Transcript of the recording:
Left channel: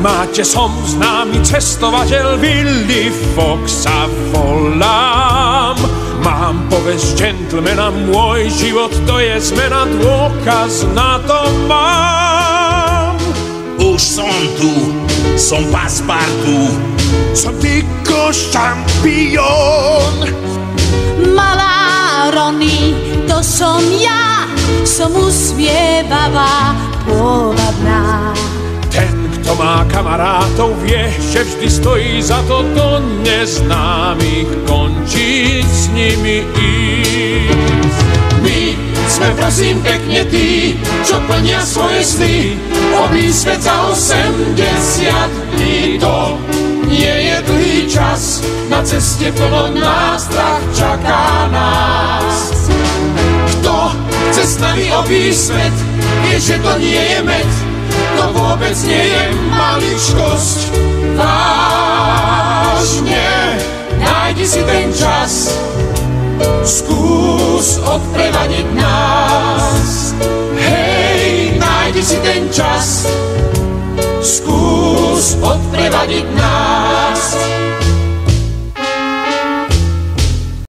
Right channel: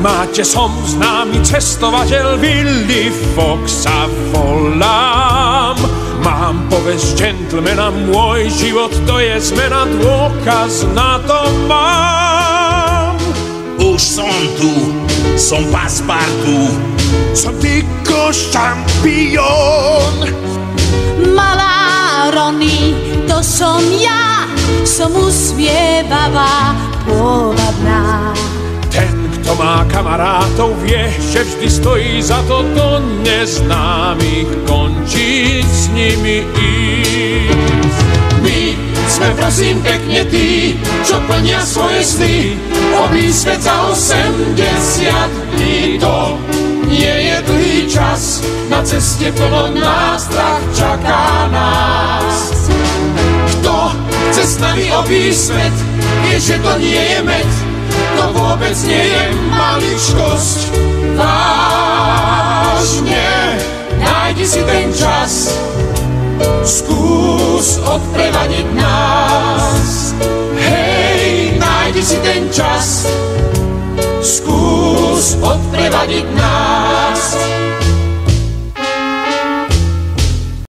máte, som známy cestovateľ Willy Foxa volám. Mám povesť gentlemana, môj život to je zmena, dôkaz na to mám. Už som tu, som Passepartout, som Tico šampión. Malá Rony, to som ja, som usmievavá, pôvabná. Ten, kto má kamarátov, vie, že vždy stojí za to do neznámych končí s nimi ísť. My sme prosím pekne tí, čo plnia svoje sny, obísť svet za 80 dní. To nie je dlhý čas, na ceste plno nástrah čaká nás. Kto chce s nami obísť svet, vie, že to nie je med, to vôbec nie je maličkosť. Vážne, nájdi si ten čas, skús odprevadiť nás. Hej, nájdi si ten čas, skús odprevadiť nás.